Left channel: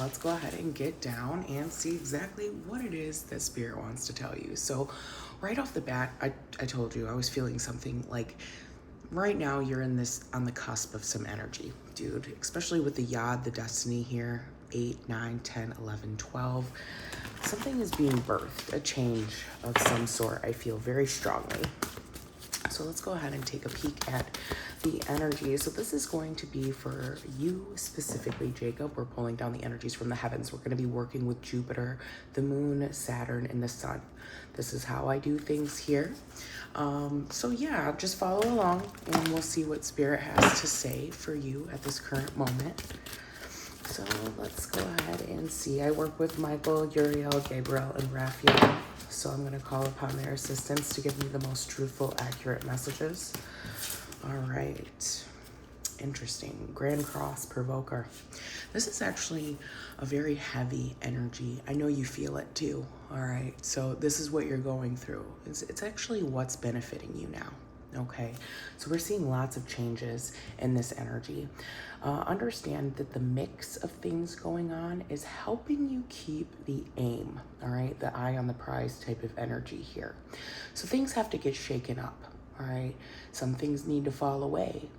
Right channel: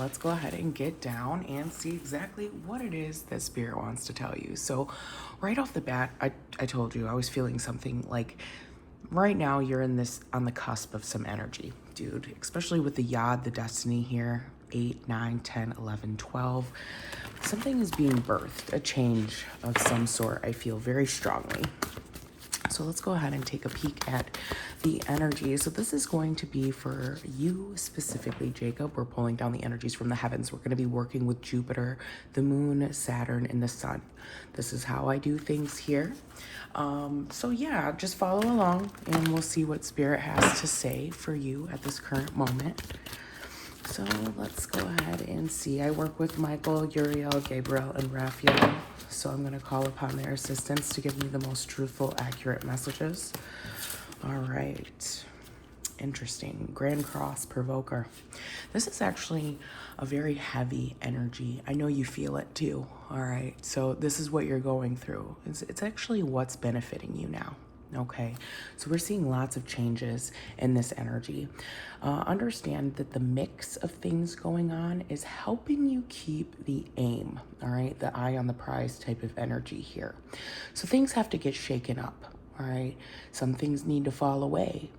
let's go ahead and get down and see exactly what it is that Spirit wants to tell you. So right off the bat, I told you I was feeling something like right now you're on the cusp of some energy, dude, especially with the Yod, the destiny here, 8, 9, 10, 11, 12. Something is being birthed, a change of some sort, I feel very strongly. So let's go ahead and take a peek at the energy. So this is going to be for you specifically, Jacob. We're pulling down the energies from the heavens. We're going to be working with Jupiter, the moon, Saturn, and the sun. This is how I do things here. So yeah, just follow along and we'll see what Spirit has to say for you at this current moment. So let's go ahead and see. I work with Michael, Uriel, Gabriel, and Raphael. So I'm going to call upon their assistance to give me the most truthful, accurate messages. All right. Interesting. Grand Cross Provoker. This is actually a very heavy energy. I know you feel it too. All right. So this is what you're going through. It's actually what's benefiting you now. Okay, so we're seeing lots of changes in this energy. Understand that the mix of things going on is helping you keep the aim, all right? The eye on the prize type of energy here. So things have to get shaken up, all right? Some things need to fall away.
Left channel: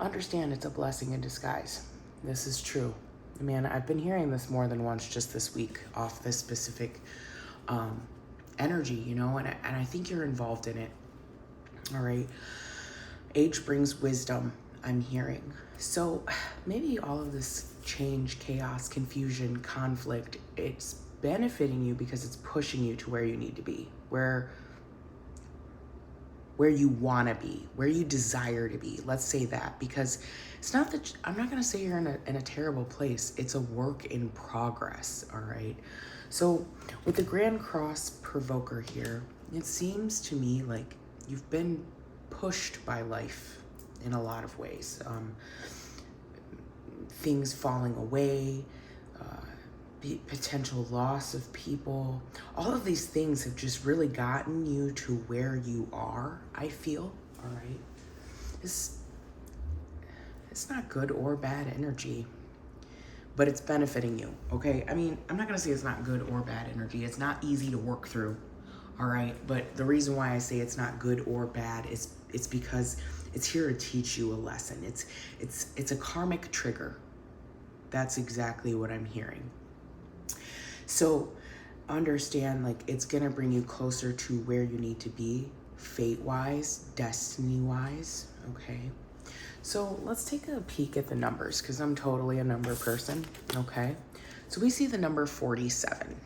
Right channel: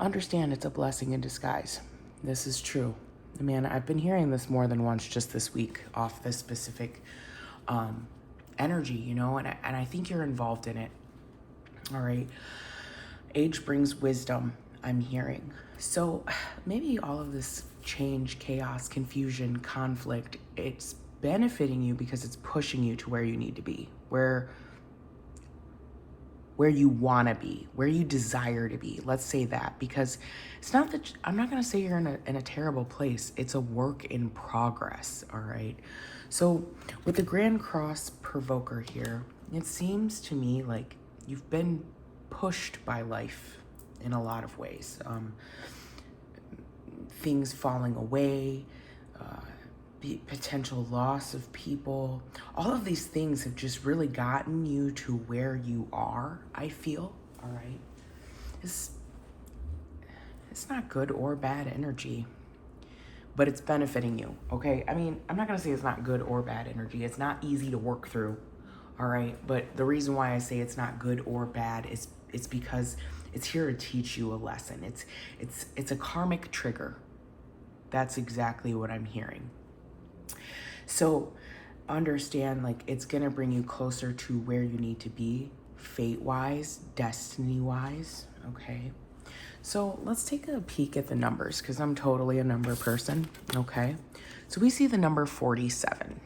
Understand it's a blessing in disguise. This is true. Man, I've been hearing this more than once just this week off this specific energy, you know, and I think you're involved in it. All right. Age brings wisdom, I'm hearing. So maybe all of this change, chaos, confusion, conflict, it's benefiting you because it's pushing you to where you need to be, where you want to be, where you desire to be. Let's say that, because it's not that I'm not going to say you're in a terrible place. It's a work in progress. All right. So with the Grand Cross Provoker here, it seems to me like you've been pushed by life in a lot of ways. Things falling away, potential loss of people. All of these things have just really gotten you to where you are, I feel, all right? It's not good or bad energy, but it's benefiting you, okay? I mean, I'm not gonna say it's not good or bad energy. It's not easy to work through. All right, but the reason why I say it's not good or bad is it's because it's here to teach you a lesson. It's a karmic trigger. That's exactly what I'm hearing. So understand, like, it's gonna bring you closer to where you need to be, fate-wise, destiny-wise, okay? So let's take a peek at the numbers, because I'm totally a number person, okay? So we see the number 47,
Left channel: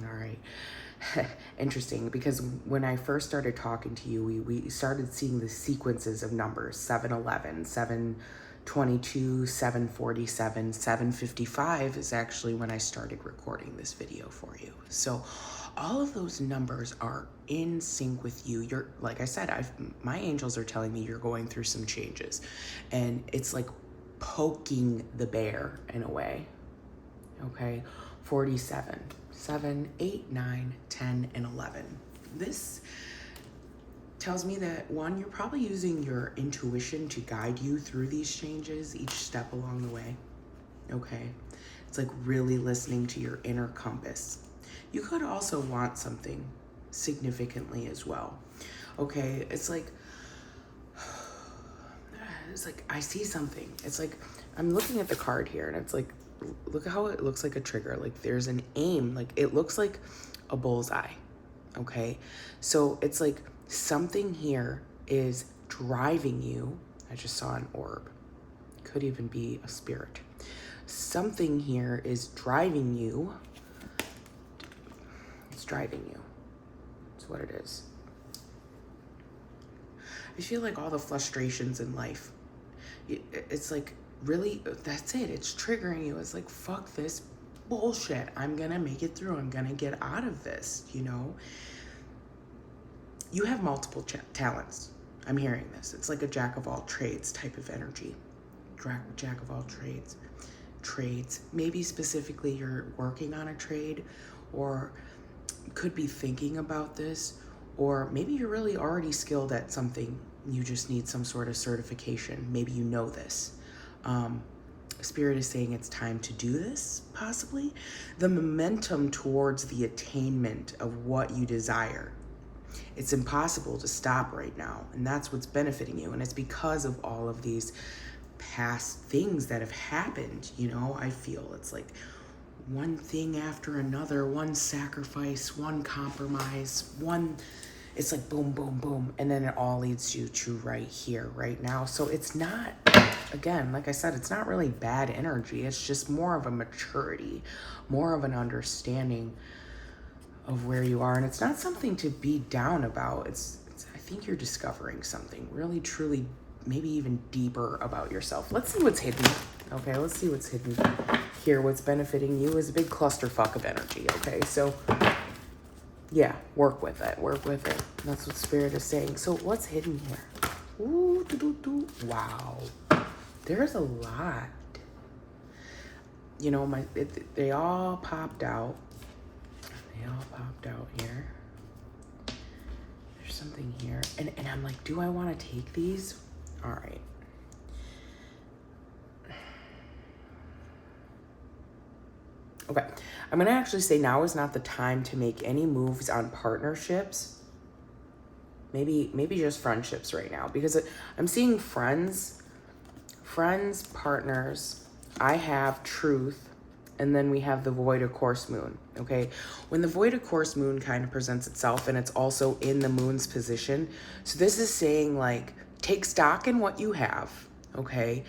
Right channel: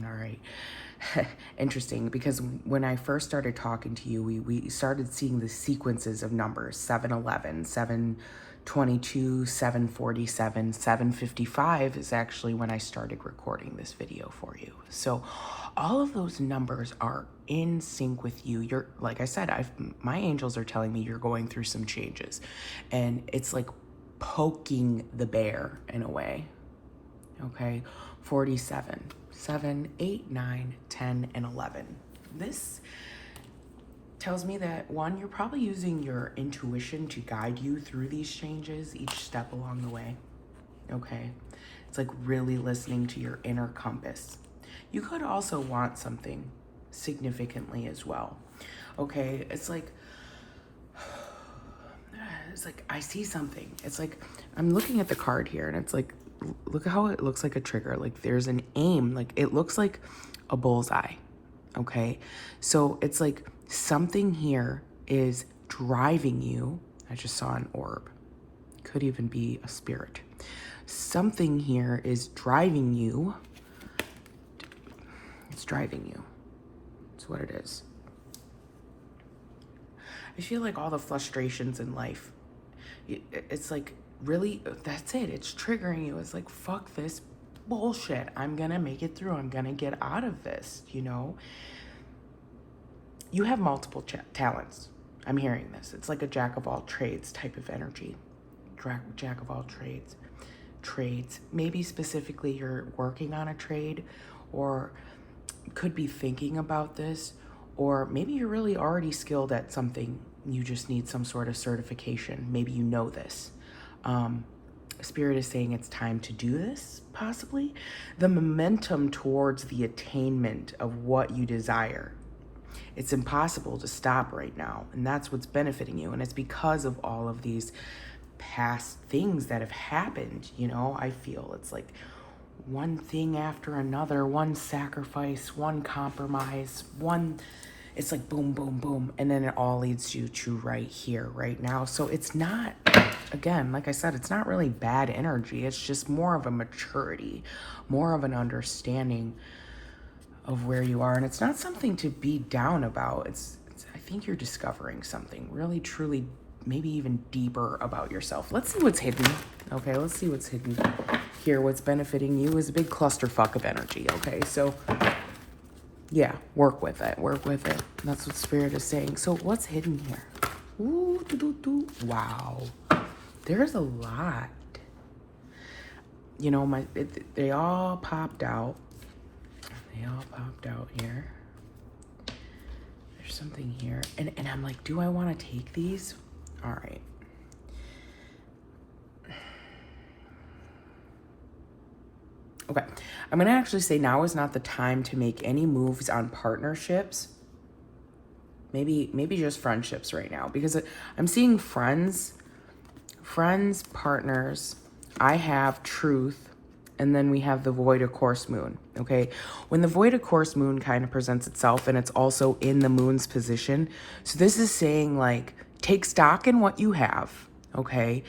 all right? Interesting, because when I first started talking to you, we started seeing the sequences of numbers: 711, 722, 747, 755 is actually when I started recording this video for you. So all of those numbers are in sync with you. You're, like I said, my angels are telling me you're going through some changes, and it's like poking the bear in a way. Okay, 47, 7, 8, 9, 10, and 11. This tells me that, one, you're probably using your intuition to guide you through these changes each step along the way. Okay, it's like really listening to your inner compass. You could also want something significantly as well. Okay, it's like I see something. It's like I'm looking at the card here, and it's like, look how it looks like a trigger. Like there's an aim, like it looks like a bullseye. Okay, so it's like something here is driving you. I just saw an orb, could even be a spirit. Something here is driving you. It's driving you. That's what it is. I feel like all the frustrations in life, it's like, really, that's it. It's triggering you. It's like, fuck this bullshit. I'm gonna make it through. I'm gonna get out of this, you know? You have multiple talents. I'm hearing this. It's like a jack of all trades type of energy. Jack of all trades. Maybe specifically you're working on a trade, or could be thinking about this, or maybe you're really already skilled at something. You just need some sort of certification. Maybe you know this. Spirit is saying it's time to do this, possibly. The momentum towards the attainment of what you desire. It's impossible to stop right now, and that's what's benefiting you. And it's because of all of these past things that have happened, you know. I feel it's like one thing after another, one sacrifice, one compromise, it's like boom, boom, boom, and then it all leads you to right here, right now. So it's not, again, like I said, it's not really bad energy. It's just more of a maturity, more of an understanding of where you are. And it's not something to be down about. It's I think you're discovering something really, truly, maybe even deeper about yourself. Let's see what's hidden. Okay, let's see what's hidden here. What's benefiting you is a big clusterfuck of energy. Okay, so yeah, work with it. Work with it. That's what Spirit is saying. So what's hidden here? Ooh, wow. There's a lot. You know, they all popped out. They all popped out here. There's something here. And I'm like, do I want to take these? All right. Okay, I'm gonna actually say now is not the time to make any moves on partnerships. Maybe just friendships right now, because I'm seeing friends, partners. I have truth, and then we have the void of course moon. Okay, when the void of course moon kind of presents itself, and it's also in the moon's position. So this is saying like take stock in what you have, okay,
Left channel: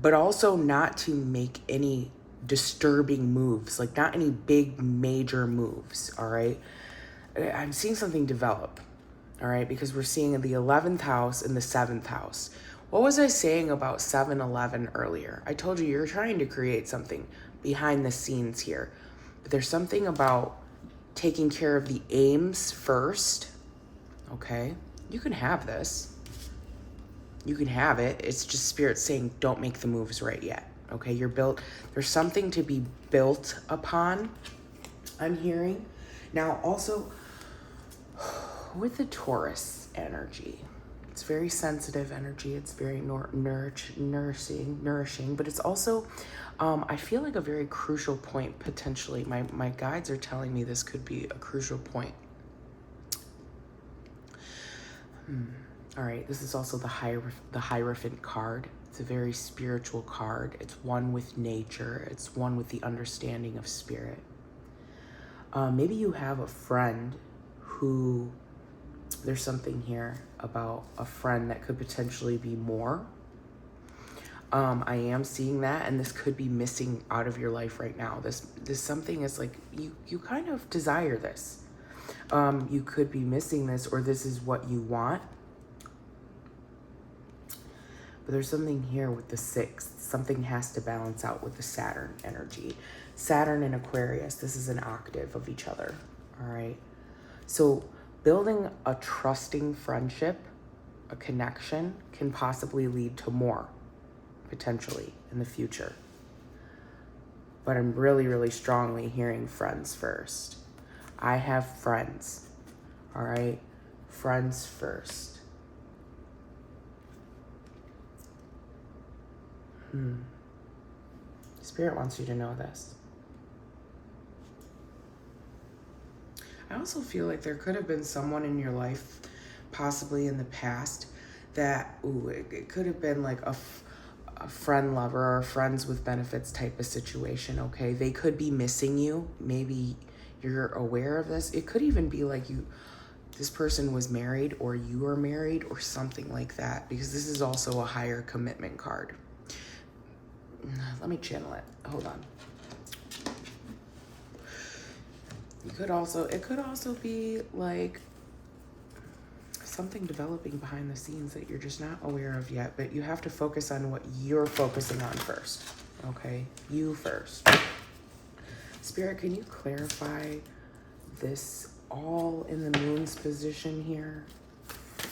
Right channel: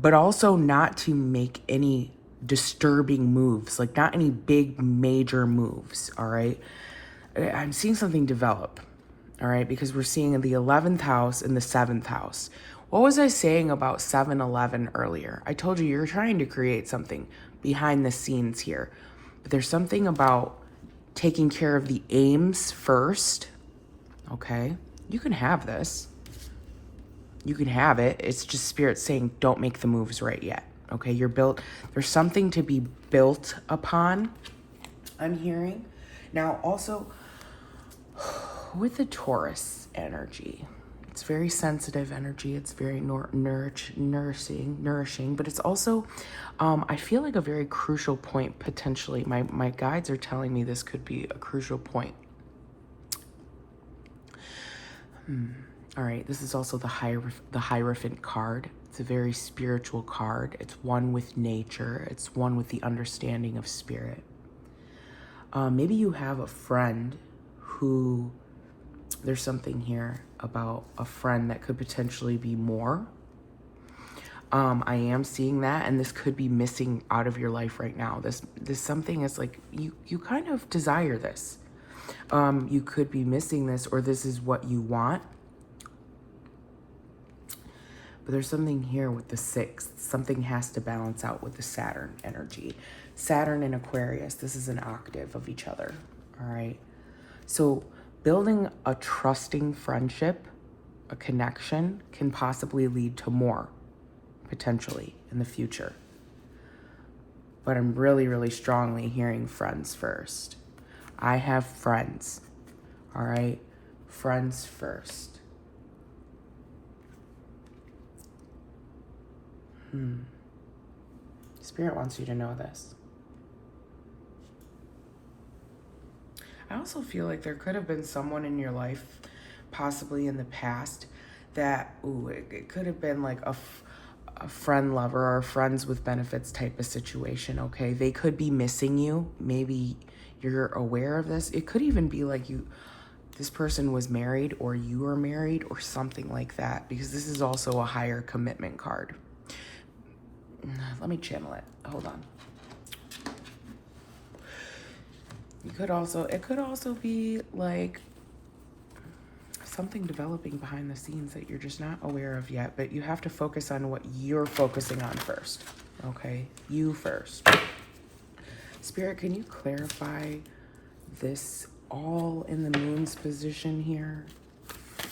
but also not to make any disturbing moves, like not any big major moves. All right, I'm seeing something develop. All right, because we're seeing the 11th house and the 7th house. What was I saying about 7-11 earlier? I told you you're trying to create something behind the scenes here, but there's something about taking care of the aims first. Okay, you can have this, you can have it. It's just Spirit saying don't make the moves right yet. Okay, you're built, there's something to be built upon, I'm hearing. Now also, with the Taurus energy, it's very sensitive energy. It's very nourishing, but it's also, I feel like a very crucial point potentially. My guides are telling me this could be a crucial point. All right, this is also the Hierophant card. It's a very spiritual card. It's one with nature. It's one with the understanding of spirit. Maybe you have a friend who, there's something here about a friend that could potentially be more. I am seeing that, and this could be missing out of your life right now. This something is like, you kind of desire this. You could be missing this, or this is what you want. But there's something here with the 6th. Something has to balance out with the Saturn energy. Saturn and Aquarius, this is an octave of each other, all right? So building a trusting friendship, a connection, can possibly lead to more, potentially, in the future. But I'm really, really strongly hearing friends first. I have friends, all right? Friends first. Spirit wants you to know this. I also feel like there could have been someone in your life, possibly in the past, that, it could have been like a friend lover or friends with benefits type of situation, okay? They could be missing you. Maybe you're aware of this. It could even be like this person was married, or you were married, or something like that, because this is also a higher commitment card. Let me channel it. Hold on. It could also be like something developing behind the scenes that you're just not aware of yet, but you have to focus on what you're focusing on first. Okay? You first. Spirit, can you clarify this all in the moon's position here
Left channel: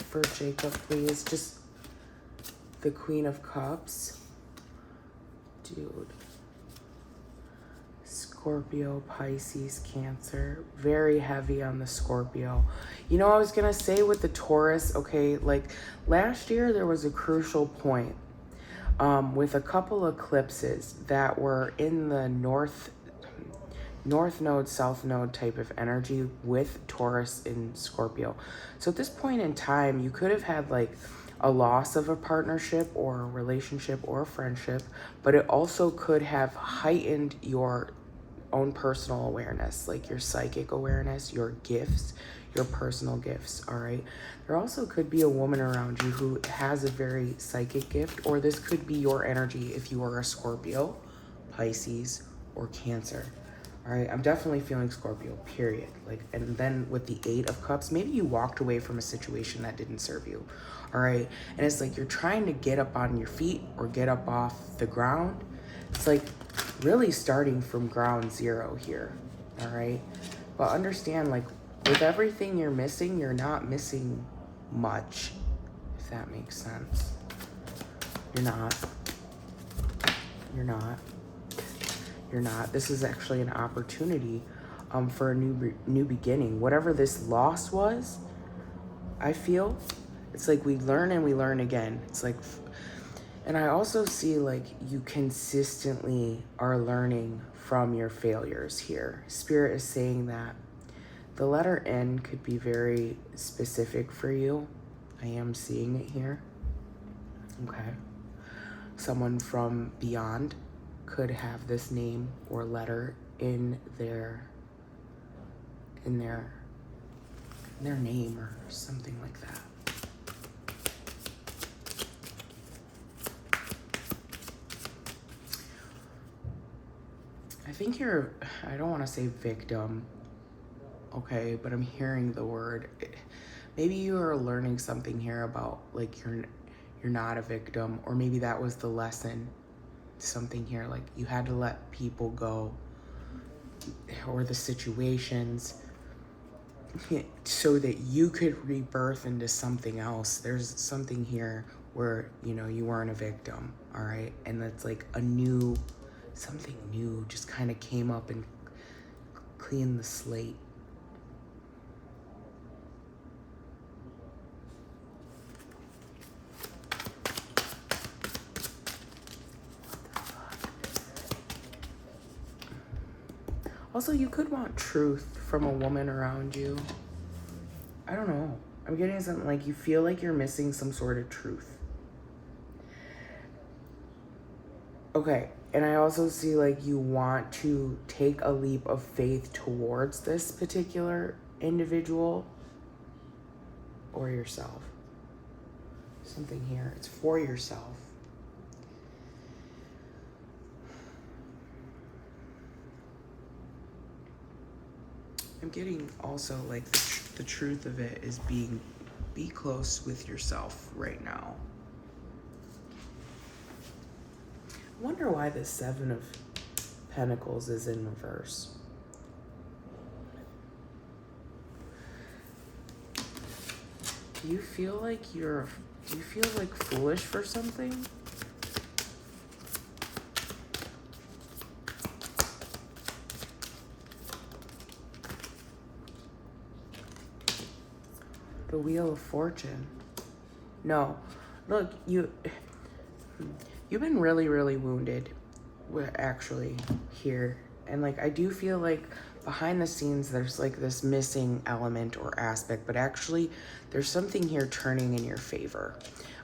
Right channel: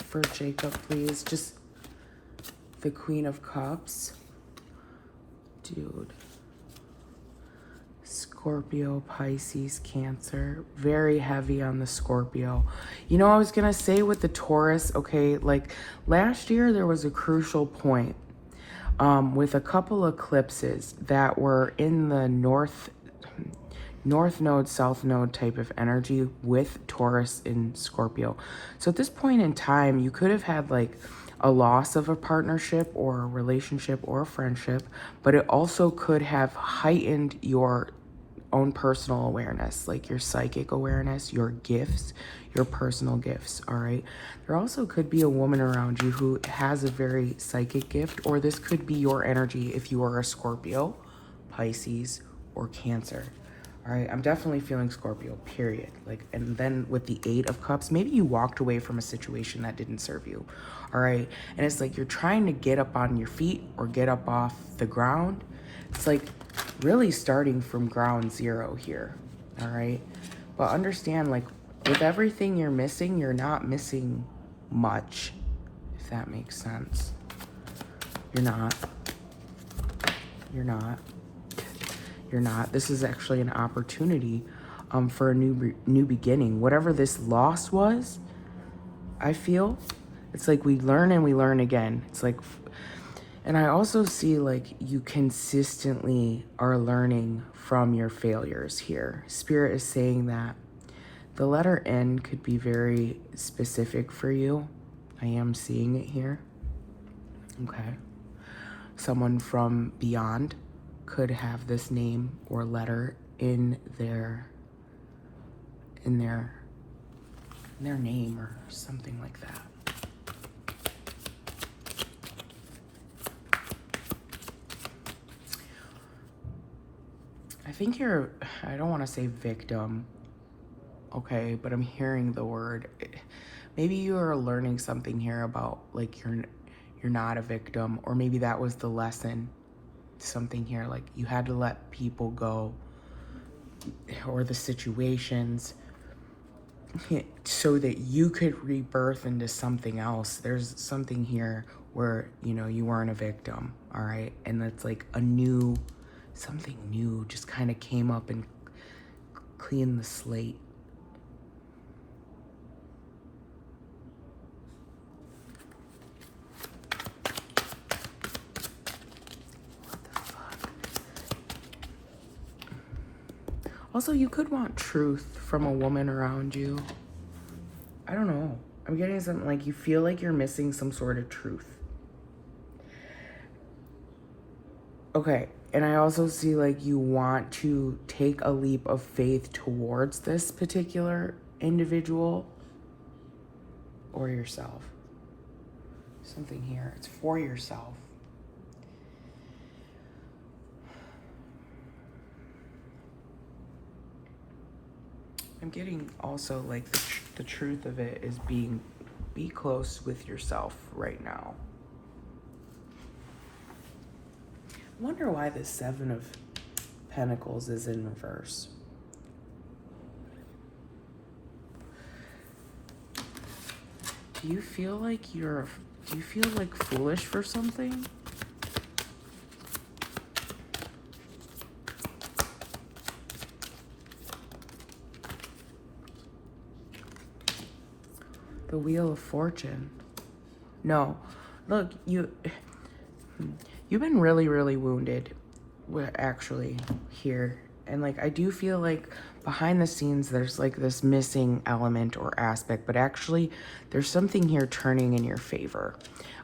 for Jacob, please? Just the Queen of Cups. Dude. Scorpio, Pisces, Cancer. Very heavy on the Scorpio. You know, I was going to say with the Taurus, okay, like last year there was a crucial point with a couple eclipses that were in the north node, south node type of energy with Taurus in Scorpio. So at this point in time, you could have had like a loss of a partnership or a relationship or a friendship, but it also could have heightened your own personal awareness, like your psychic awareness, your gifts, your personal gifts, all right? There also could be a woman around you who has a very psychic gift, or this could be your energy if you are a Scorpio, Pisces, or Cancer. All right, I'm definitely feeling Scorpio, period. Like, and then with the 8 of Cups, maybe you walked away from a situation that didn't serve you. All right, and it's like you're trying to get up on your feet or get up off the ground. It's like really starting from ground zero here. All right, but understand, like, with everything you're missing, you're not missing much, if that makes sense. You're not. You're not. You're not. This is actually an opportunity for a new beginning. Whatever this loss was, I feel, it's like we learn and we learn again. It's like, and I also see like you consistently are learning from your failures here. Spirit is saying that the letter N could be very specific for you. I am seeing it here. Okay. Someone from beyond could have this name or letter in their name or something like that. I think you're, I don't want to say victim, okay, but I'm hearing the word. Maybe you are learning something here about like you're not a victim, or maybe that was the lesson. Something here like you had to let people go or the situations so that you could rebirth into something else. There's something here where, you know, you weren't a victim, all right? And that's like a new, something new just kind of came up and cleaned the slate. Also, you could want truth from a woman around you. I don't know. I'm getting something like you feel like you're missing some sort of truth. Okay, and I also see like you want to take a leap of faith towards this particular individual or yourself. Something here. It's for yourself. I'm getting also like the truth of it is be close with yourself right now. I wonder why the 7 of Pentacles is in reverse. Do you feel like foolish for something? The Wheel of Fortune. No, look, you've been really, really wounded, actually, here. And like, I do feel like behind the scenes, there's like this missing element or aspect, but actually there's something here turning in your favor.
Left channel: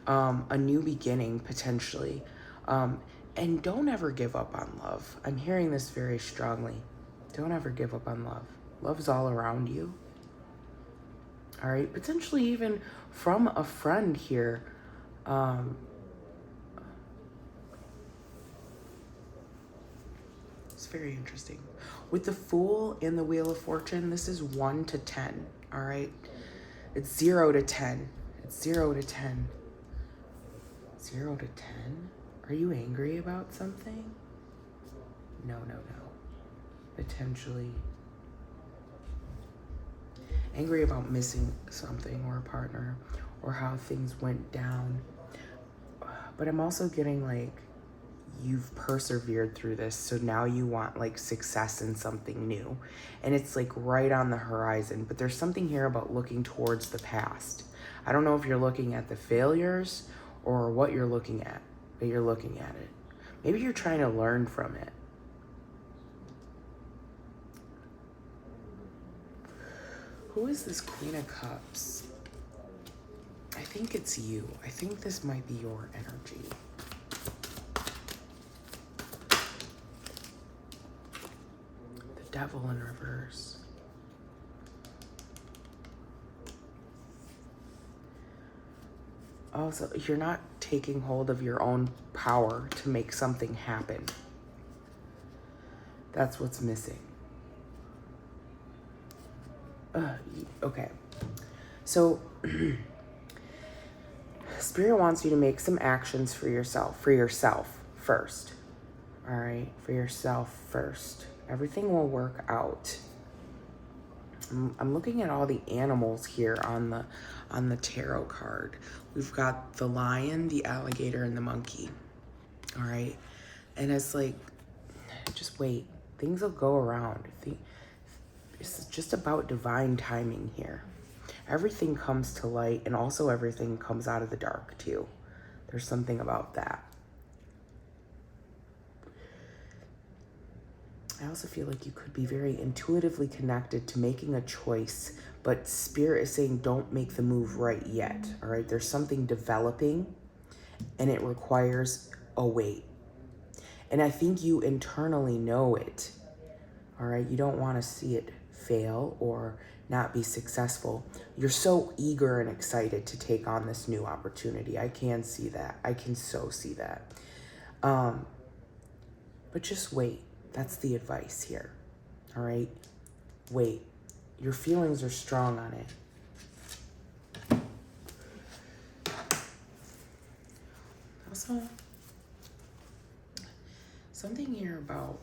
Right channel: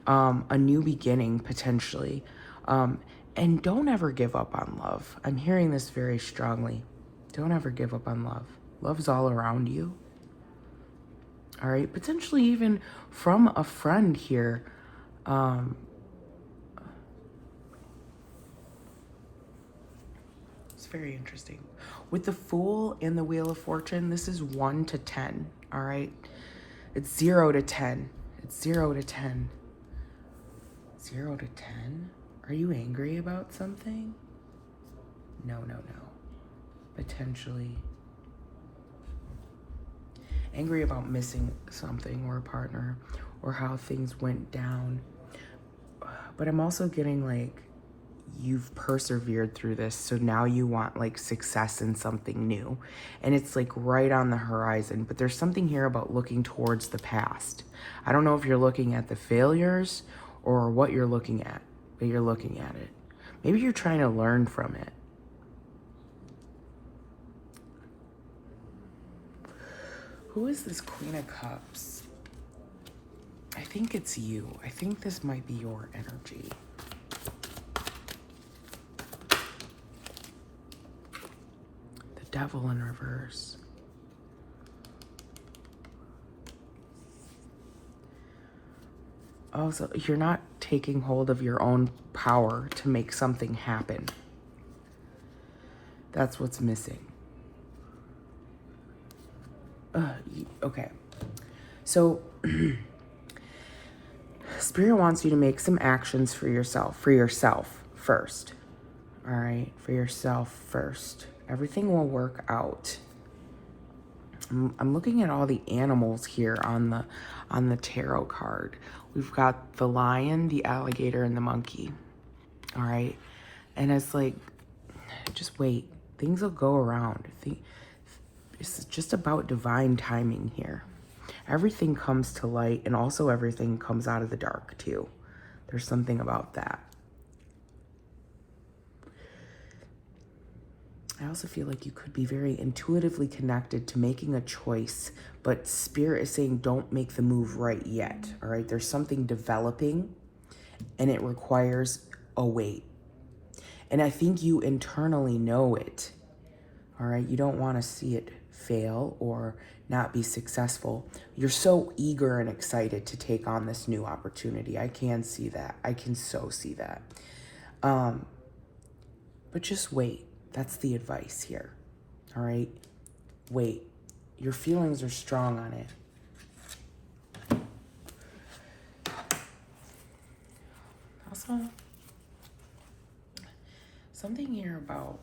A new beginning, potentially. And don't ever give up on love. I'm hearing this very strongly. Don't ever give up on love. Love's all around you. All right, potentially even from a friend here. It's very interesting. With the Fool and the Wheel of Fortune, this is 1 to 10, all right? It's 0 to 10. It's 0 to 10. 0 to 10? Are you angry about something? No. Potentially. Angry about missing something or a partner or how things went down. But I'm also getting like you've persevered through this, so now you want like success in something new. And it's like right on the horizon, but there's something here about looking towards the past. I don't know if you're looking at the failures or what you're looking at, but you're looking at it. Maybe you're trying to learn from it. Who is this Queen of Cups? I think it's you. I think this might be your energy. The Devil in reverse. Also, you're not taking hold of your own power to make something happen. That's what's missing. Okay. So, Spirit wants you to make some actions for yourself first. All right? For yourself first. Everything will work out. I'm looking at all the animals here on the tarot card. We've got the lion, the alligator, and the monkey. All right? And it's like, just wait. Things will go around. It's just about divine timing here. Everything comes to light, and also everything comes out of the dark too. There's something about that. I also feel like you could be very intuitively connected to making a choice, but Spirit is saying don't make the move right yet, all right? There's something developing, and it requires a wait. And I think you internally know it, all right? You don't want to see it fail or not be successful. You're so eager and excited to take on this new opportunity. I can see that. I can so see that. But just wait. That's the advice here. All right? Wait. Your feelings are strong on it. Also, something here about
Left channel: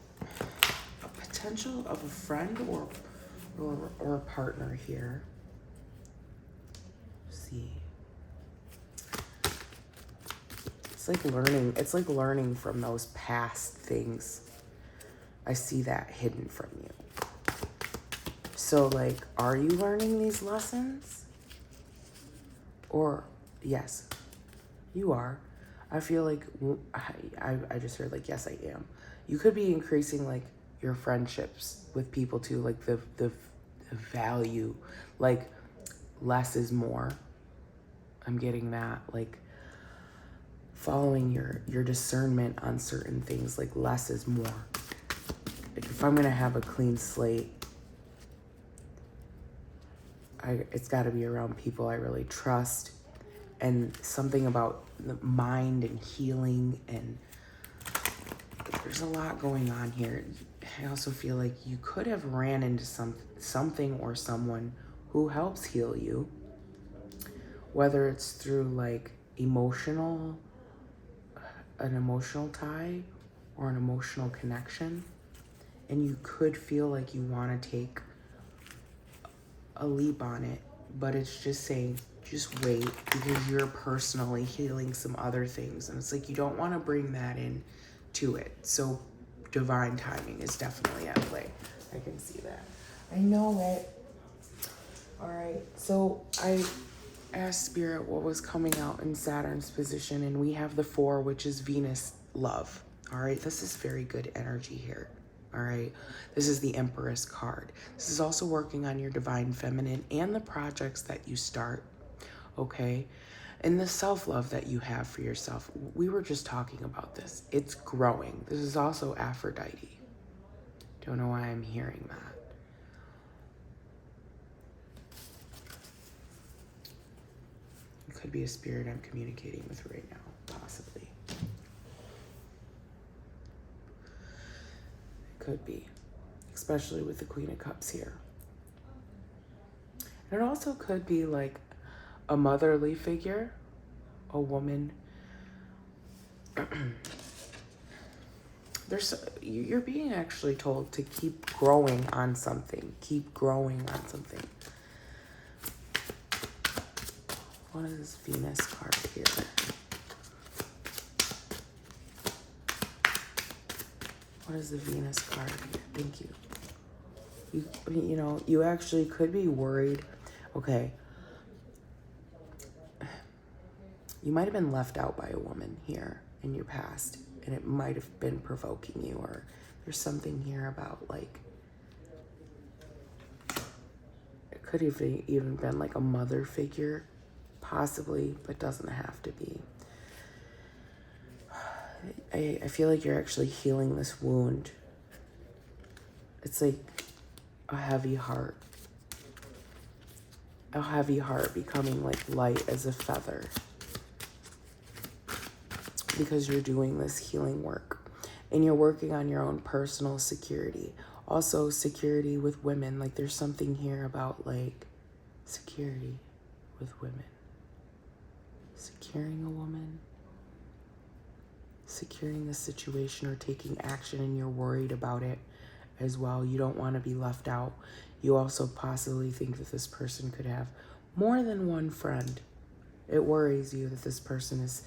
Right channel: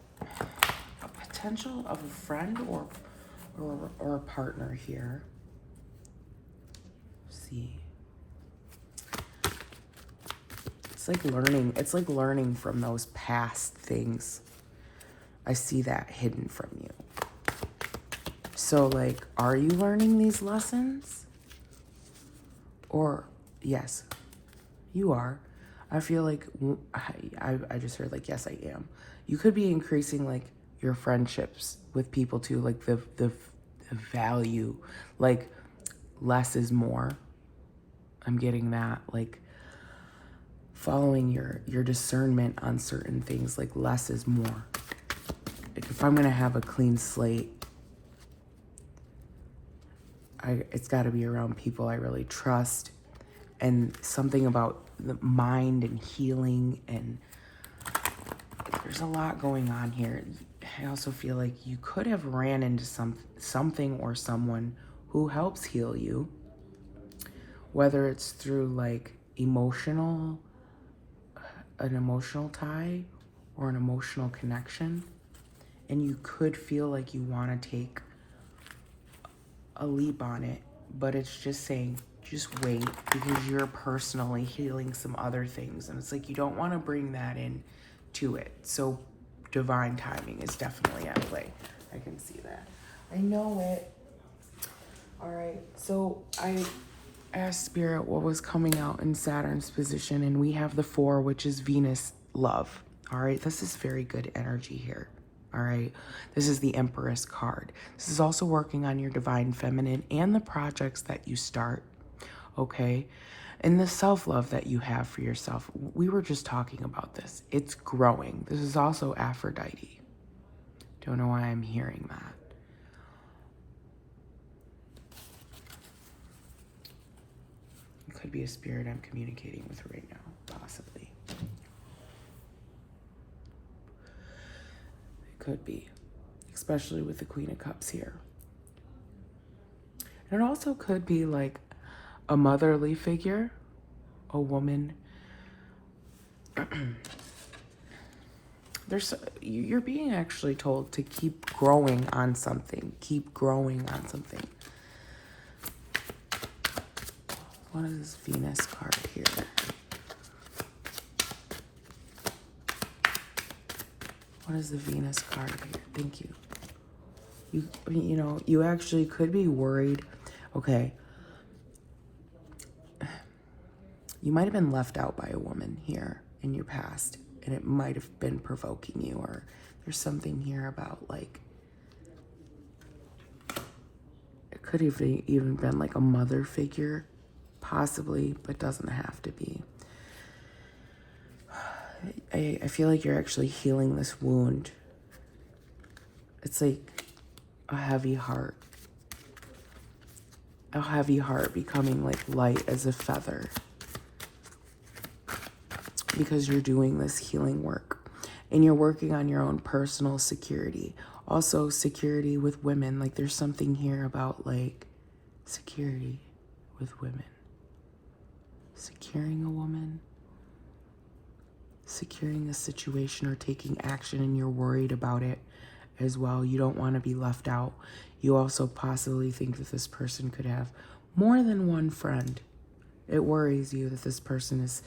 a potential of a friend or a partner here. Let's see. It's like learning from those past things. I see that hidden from you. So like, are you learning these lessons? Or, yes, you are. I feel like, I just heard like, yes, I am. You could be increasing like your friendships with people too, like the value, like less is more. I'm getting that, like following your discernment on certain things, like less is more. Like if I'm gonna have a clean slate, it's gotta be around people I really trust, and something about the mind and healing, and there's a lot going on here. I also feel like you could have ran into something or someone who helps heal you, whether it's through like an emotional tie or an emotional connection, and you could feel like you want to take a leap on it, but it's just saying just wait, because you're personally healing some other things, and it's like you don't want to bring that in to it. So divine timing is definitely at play. I can see that. I know it. All right, so I asked Spirit what was coming out in Saturn's position, and we have the 4, which is Venus love. All right, this is very good energy here. All right, this is the Empress card. This is also working on your divine feminine and the projects that you start, okay? And the self-love that you have for yourself. We were just talking about this. It's growing. This is also Aphrodite. Don't know why I'm hearing that. It could be a spirit I'm communicating with right now, possibly. It could be, especially with the Queen of Cups here. And it also could be like a motherly figure, a woman. You're being actually told to keep growing on something. Keep growing on something. What is Venus card here? What is the Venus card here? Thank you. You know, you actually could be worried. Okay. You might have been left out by a woman here, in your past, and it might have been provoking you, or there's something here about like, it could have even been like a mother figure, possibly, but doesn't have to be. I feel like you're actually healing this wound. It's like a heavy heart. A heavy heart becoming like light as a feather. Because you're doing this healing work. And you're working on your own personal security. Also security with women. Like there's something here about like security with women. Securing a woman. Securing the situation or taking action, and you're worried about it as well. You don't want to be left out. You also possibly think that this person could have more than one friend. It worries you that this person is,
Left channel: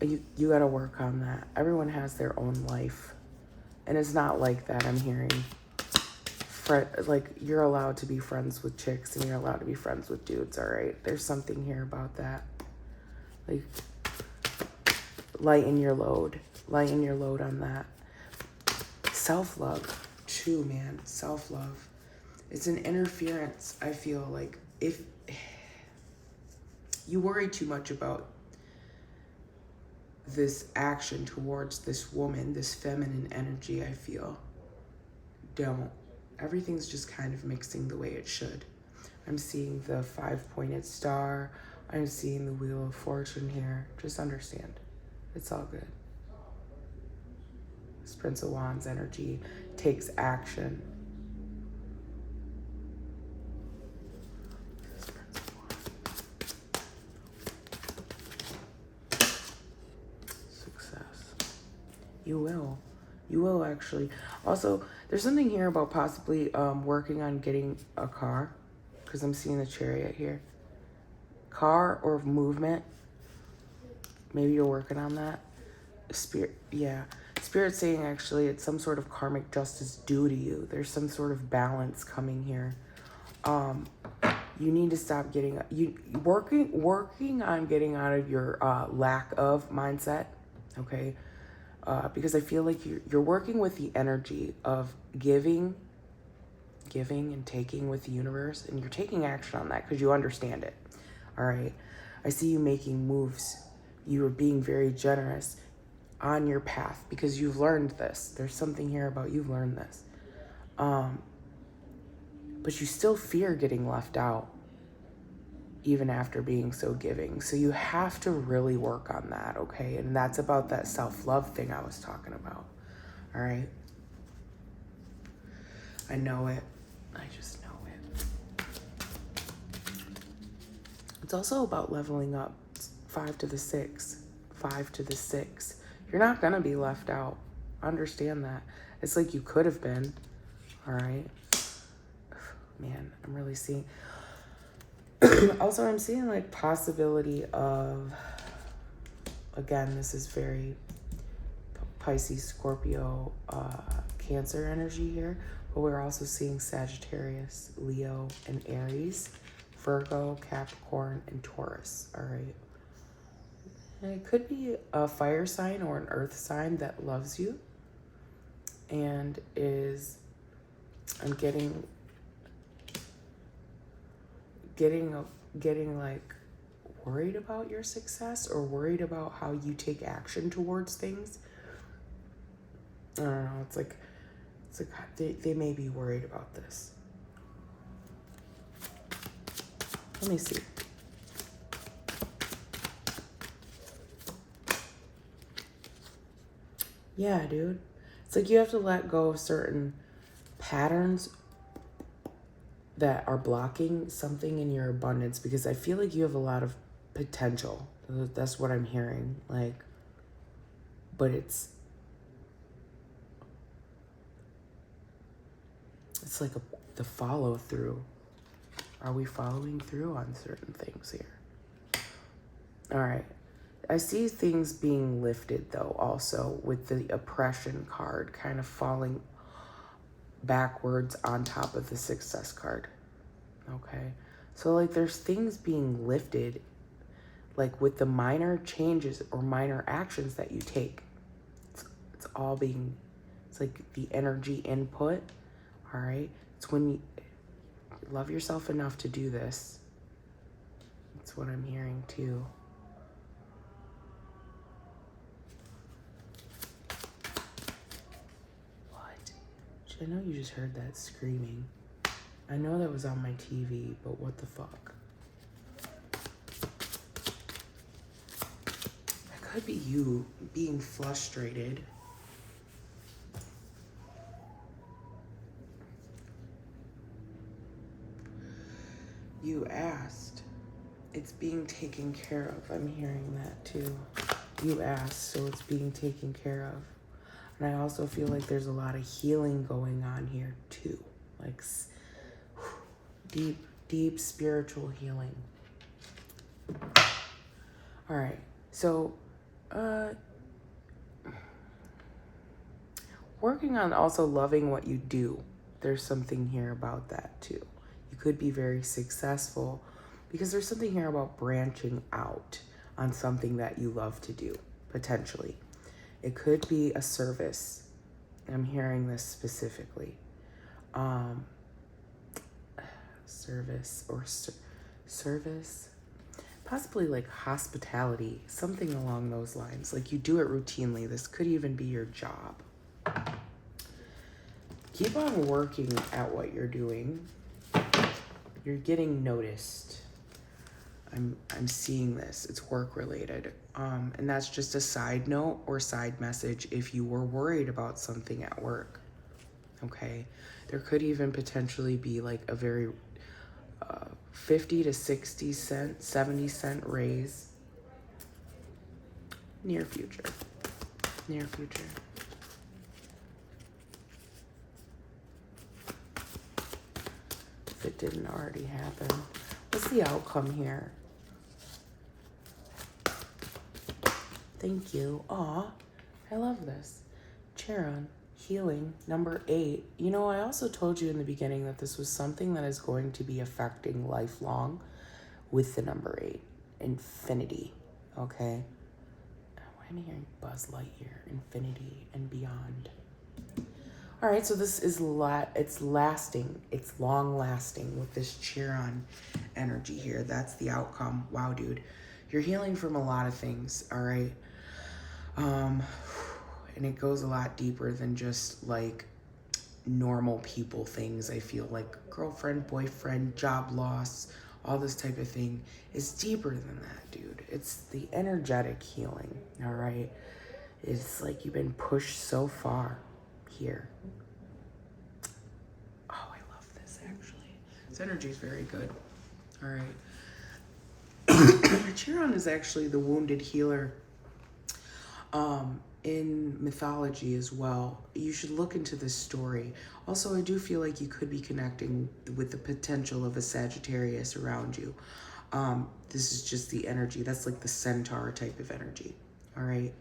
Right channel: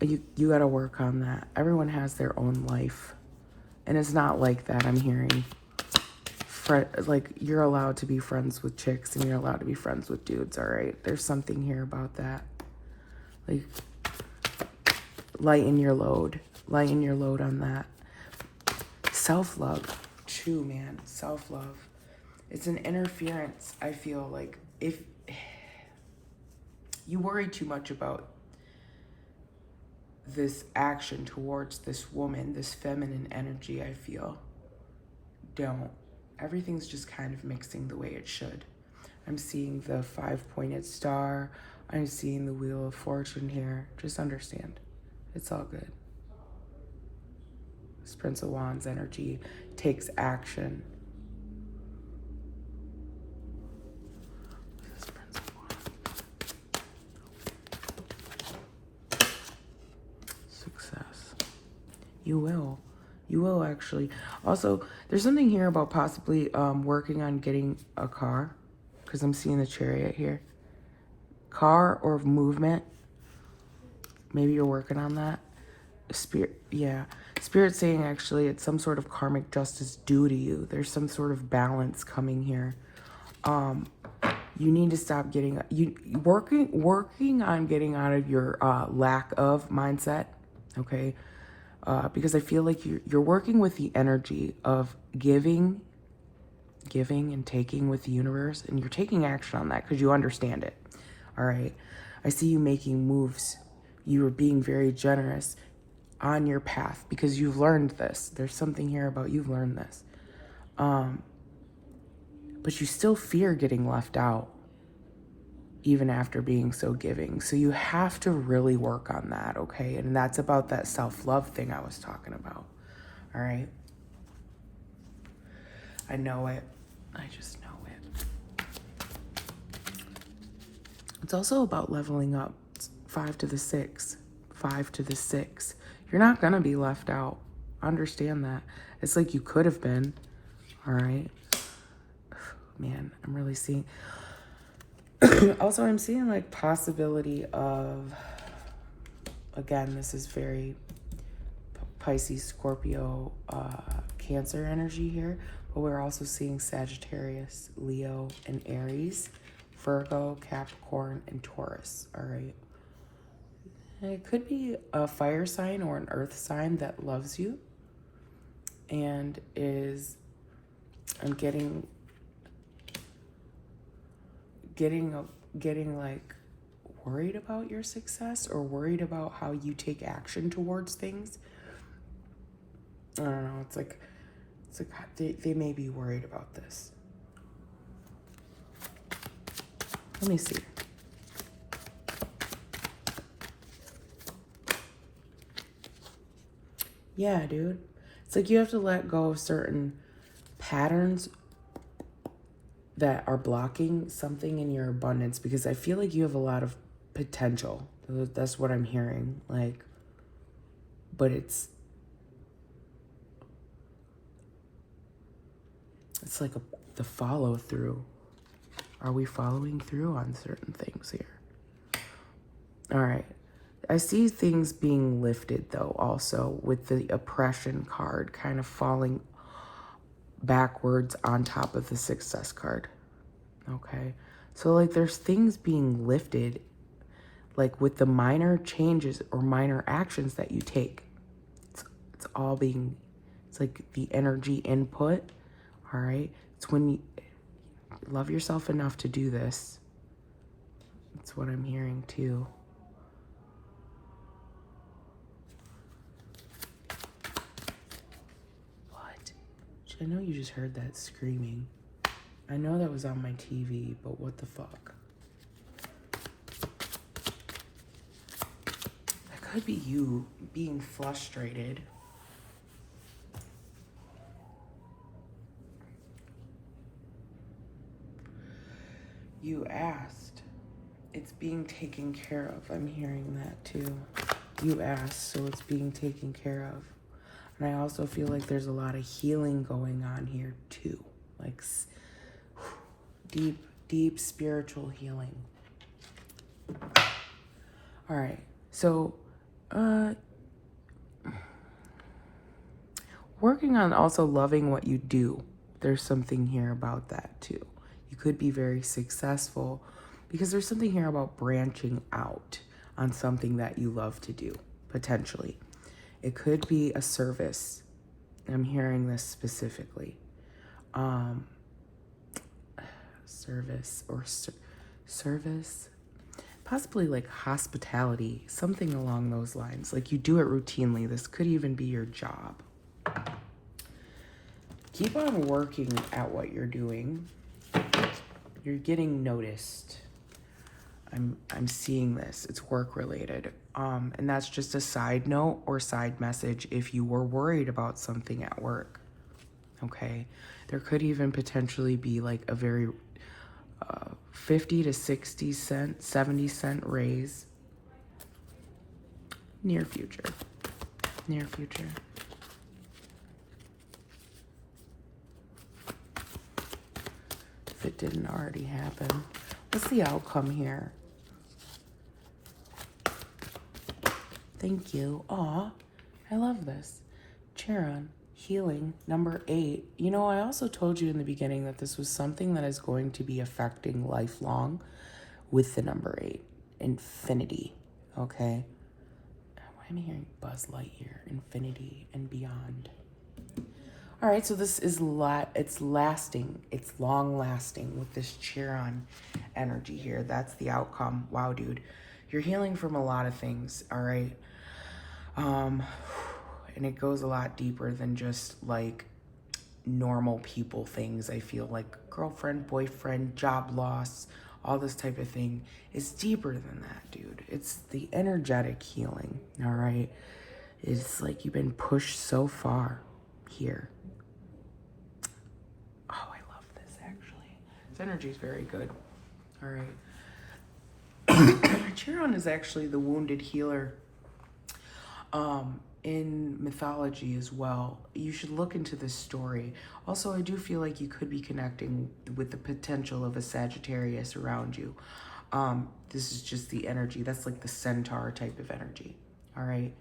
you got to work on that. Everyone has their own life, and it's not like that. I'm hearing like you're allowed to be friends with chicks and you're allowed to be friends with dudes. All right, there's something here about that. Like lighten your load on that. Self-love too, man. Self-love, it's an interference. I feel like if you worry too much about this action towards this woman, this feminine energy, I feel, don't. Everything's just kind of mixing the way it should. I'm seeing the 5-pointed star. I'm seeing the Wheel of Fortune here. Just understand, it's all good. This Prince of Wands energy takes action. Success. You will. You will actually. Also, there's something here about possibly working on getting a car, because I'm seeing the Chariot here. Car or movement. Maybe you're working on that. Spirit, yeah. Spirit saying actually it's some sort of karmic justice due to you. There's some sort of balance coming here. You need to stop getting working on getting out of your lack of mindset. Okay. Because I feel like you're working with the energy of giving and taking with the universe, and you're taking action on that because you understand it. All right. I see you making moves. You are being very generous on your path because you've learned this. There's something here about you've learned this. But you still fear getting left out even after being so giving. So you have to really work on that, okay? And that's about that self-love thing I was talking about, all right? I know it. I just know it. It's also about leveling up. 5 to the 6. 5 to the 6. You're not gonna be left out. Understand that. It's like you could have been, all right? Man, I'm really seeing... Also, I'm seeing like possibility of, again, this is very Pisces, Scorpio, Cancer energy here, but we're also seeing Sagittarius, Leo, and Aries, Virgo, Capricorn, and Taurus, all right? And it could be a fire sign or an earth sign that loves you and is, I'm getting like worried about your success or worried about how you take action towards things. I don't know. It's like they may be worried about this. Let me see. Yeah, dude. It's like you have to let go of certain patterns that are blocking something in your abundance, because I feel like you have a lot of potential. That's what I'm hearing. Like, but it's like the follow through. Are we following through on certain things here? All right. I see things being lifted though, also with the oppression card kind of falling backwards on top of the success card. Okay. So like there's things being lifted, like with the minor changes or minor actions that you take, it's all being, it's like the energy input, all right? It's when you love yourself enough to do this. That's what I'm hearing too. What? I know you just heard that screaming. I know that was on my TV, but what the fuck? That could be you being frustrated. You asked. It's being taken care of. I'm hearing that too. You asked, so it's being taken care of. And I also feel like there's a lot of healing going on here too. Like deep, deep spiritual healing. All right, so working on also loving what you do. There's something here about that too. You could be very successful because there's something here about branching out on something that you love to do, potentially. It could be a service. I'm hearing this specifically. Service or service, possibly like hospitality, something along those lines. Like you do it routinely. This could even be your job. Keep on working at what you're doing. You're getting noticed. I'm seeing this. It's work related. And that's just a side note or side message if you were worried about something at work. Okay? There could even potentially be like a very 50 to 60 cent, 70 cent raise. Near future. Near future. If it didn't already happen. What's the outcome here? Thank you. Aw, I love this. Charon, healing, number 8. You know, I also told you in the beginning that this was something that is going to be affecting lifelong with the number 8. Infinity, okay? Why am I hearing Buzz Lightyear? Infinity and beyond. All right, so this is it's lasting. It's long lasting with this Chiron energy here. That's the outcome. Wow, dude. You're healing from a lot of things, all right? And it goes a lot deeper than just like normal people things. I feel like girlfriend, boyfriend, job loss, all this type of thing is deeper than that, dude. It's the energetic healing, all right? It's like you've been pushed so far here. Oh, I love this actually. This energy is very good. All right. Chiron is actually the wounded healer in mythology as well. You should look into this story. Also, I do feel like you could be connecting with the potential of a Sagittarius around you. This is just the energy. That's like the centaur type of energy. All right.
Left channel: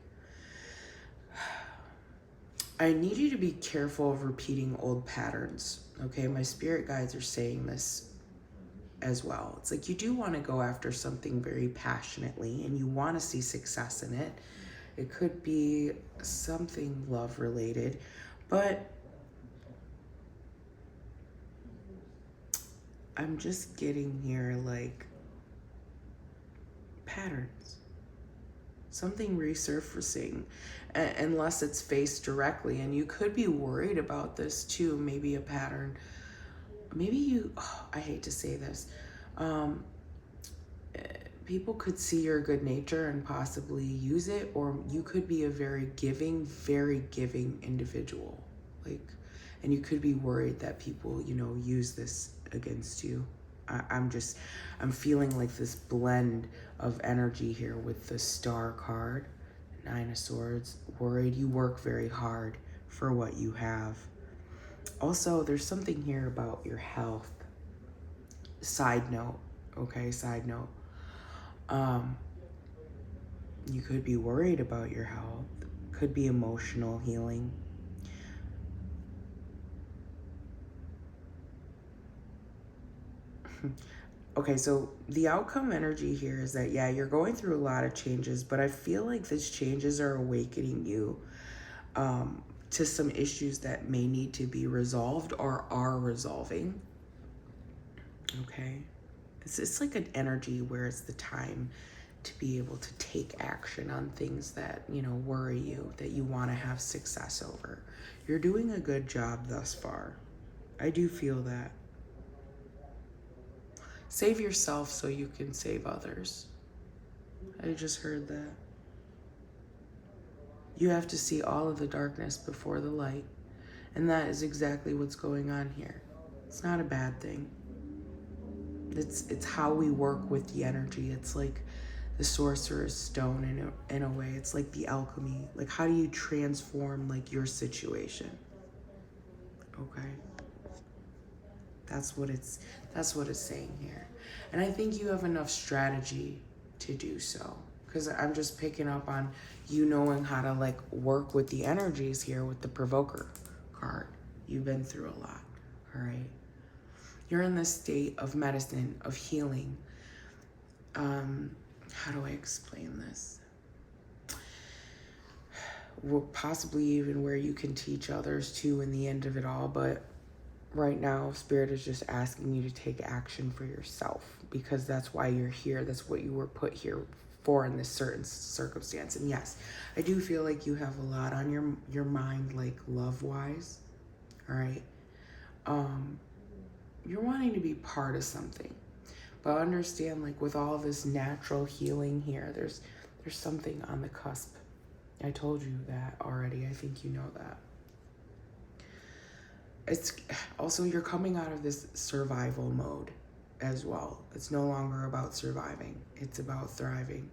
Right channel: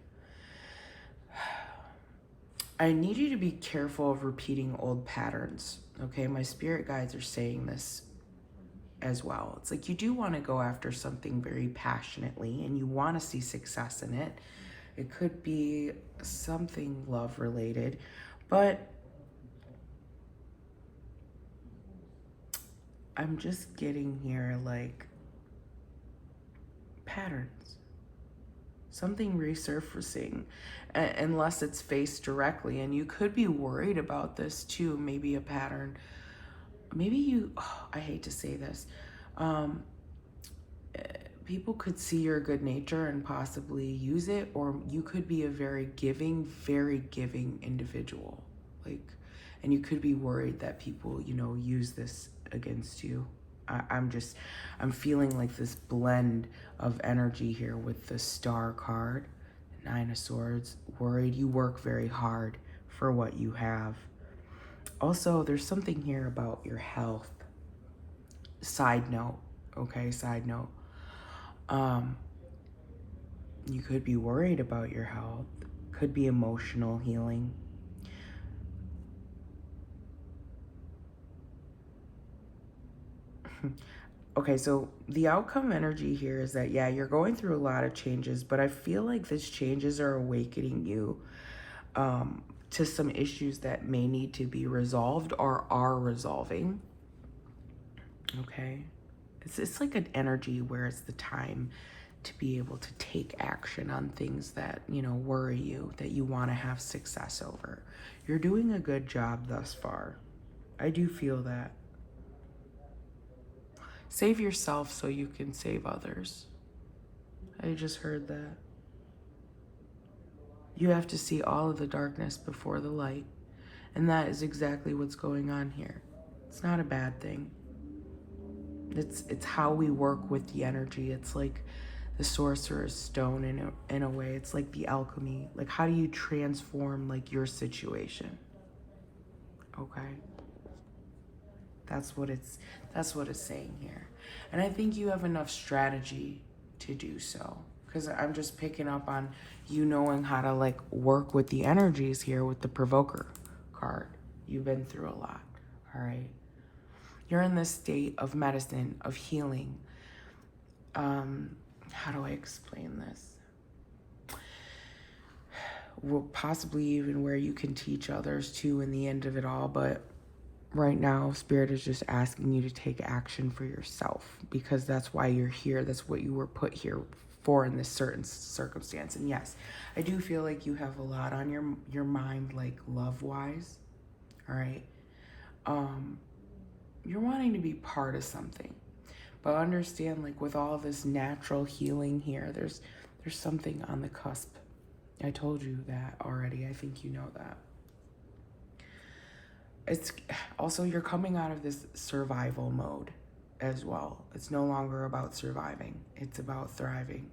I need you to be careful of repeating old patterns. Okay, my spirit guides are saying this as well. It's like you do want to go after something very passionately and you want to see success in it. It could be something love related, but I'm just getting here like patterns. Something resurfacing, unless it's faced directly. And you could be worried about this too. Maybe a pattern. Maybe you, I hate to say this, people could see your good nature and possibly use it, or you could be a very giving individual. Like, and you could be worried that people, you know, use this against you. I'm feeling like this blend of energy here with the Star card, 9 of Swords. Worried, you work very hard for what you have. Also, there's something here about your health. Side note, okay, side note. You could be worried about your health. Could be emotional healing. Okay, so the outcome energy here is that, yeah, you're going through a lot of changes, but I feel like these changes are awakening you to some issues that may need to be resolved or are resolving. Okay, it's like an energy where it's the time to be able to take action on things that, you know, worry you, that you want to have success over. You're doing a good job thus far. I do feel that. Save yourself so you can save others. I just heard that. You have to see all of the darkness before the light. And that is exactly what's going on here. It's not a bad thing. It's how we work with the energy. It's like the sorcerer's stone in a way. It's like the alchemy. Like, how do you transform like your situation? Okay. That's what it's saying here. And I think you have enough strategy to do so. Because I'm just picking up on you knowing how to like work with the energies here with the provoker card. You've been through a lot. All right. You're in this state of medicine, of healing. How do I explain this? Possibly even where you can teach others too in the end of it all, but right now Spirit is just asking you to take action for yourself, because that's why you're here. That's what you were put here for in this certain circumstance. And yes, I do feel like you have a lot on your mind, like love wise. All right. You're wanting to be part of something, but understand, like, with all this natural healing here, there's something on the cusp. I told you that already. I think you know that. It's also, you're coming out of this survival mode as well. It's no longer about surviving. It's about thriving.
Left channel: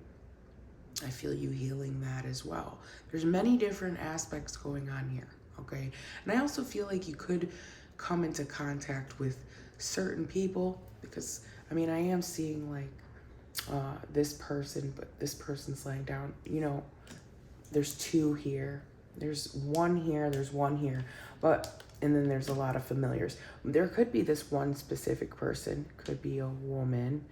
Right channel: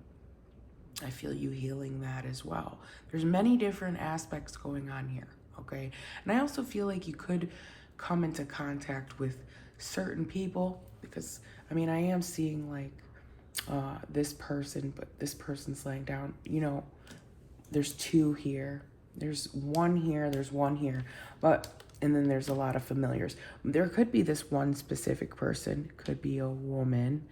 I feel you healing that as well. There's many different aspects going on here, okay? And I also feel like you could come into contact with certain people, because, I mean, I am seeing like this person, but this person's laying down, you know, there's two here. There's one here, there's one here, but, and then there's a lot of familiars. There could be this one specific person, could be a woman,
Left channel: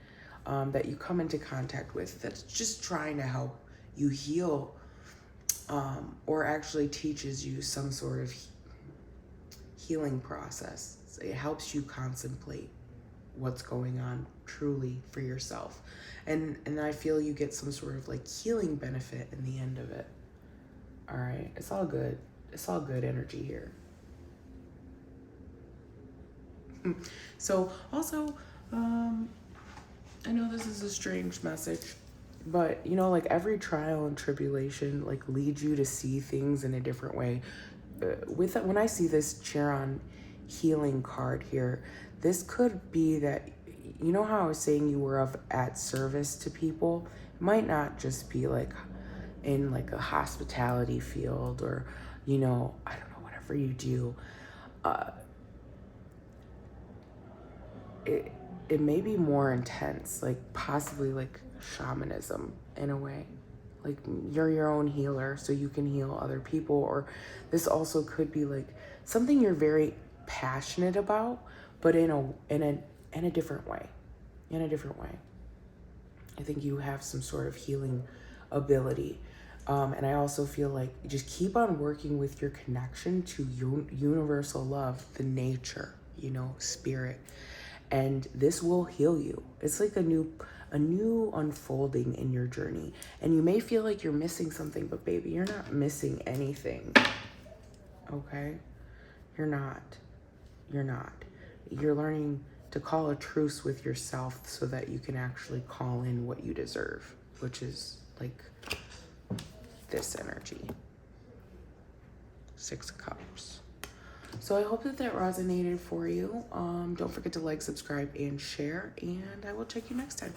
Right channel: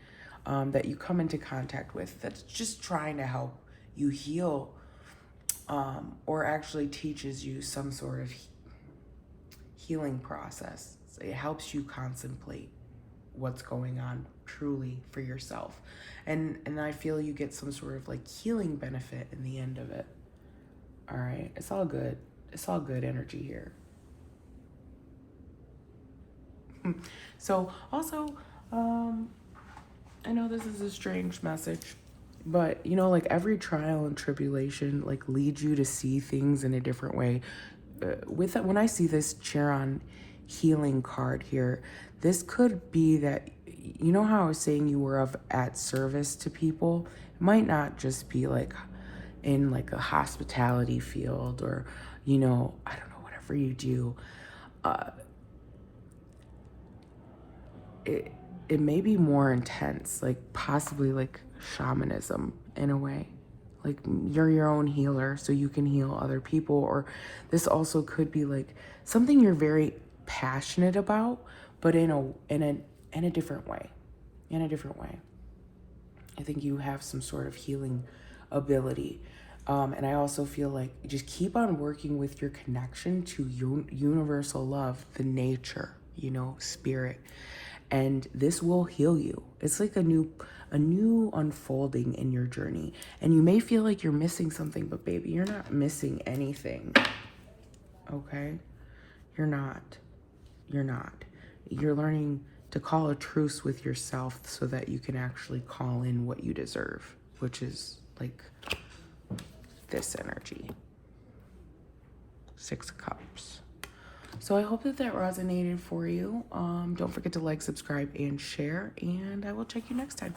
that you come into contact with that's just trying to help you heal, or actually teaches you some sort of healing process. It helps you contemplate what's going on truly for yourself. And I feel you get some sort of like healing benefit in the end of it. All right, it's all good. It's all good energy here. So also, I know this is a strange message, but you know, like every trial and tribulation like leads you to see things in a different way. With it, when I see this Chiron healing card here, this could be that, you know how I was saying you were at service to people? It might not just be like in like a hospitality field, or, you know, I don't know, whatever you do. It may be more intense, like possibly like shamanism in a way. Like you're your own healer, so you can heal other people. Or this also could be like something you're very passionate about, but in a different way. In a different way. I think you have some sort of healing ability. And I also feel like just keep on working with your connection to universal love, the nature, you know, spirit. And this will heal you. It's like a new unfolding in your journey. And you may feel like you're missing something, but baby, you're not missing anything. Okay? You're not. You're not. You're learning to call a truce with yourself so that you can actually call in what you deserve, which is like this energy. 6 of Cups. So I hope that resonated for you. Don't forget to like, subscribe, and share, and I will check you next time.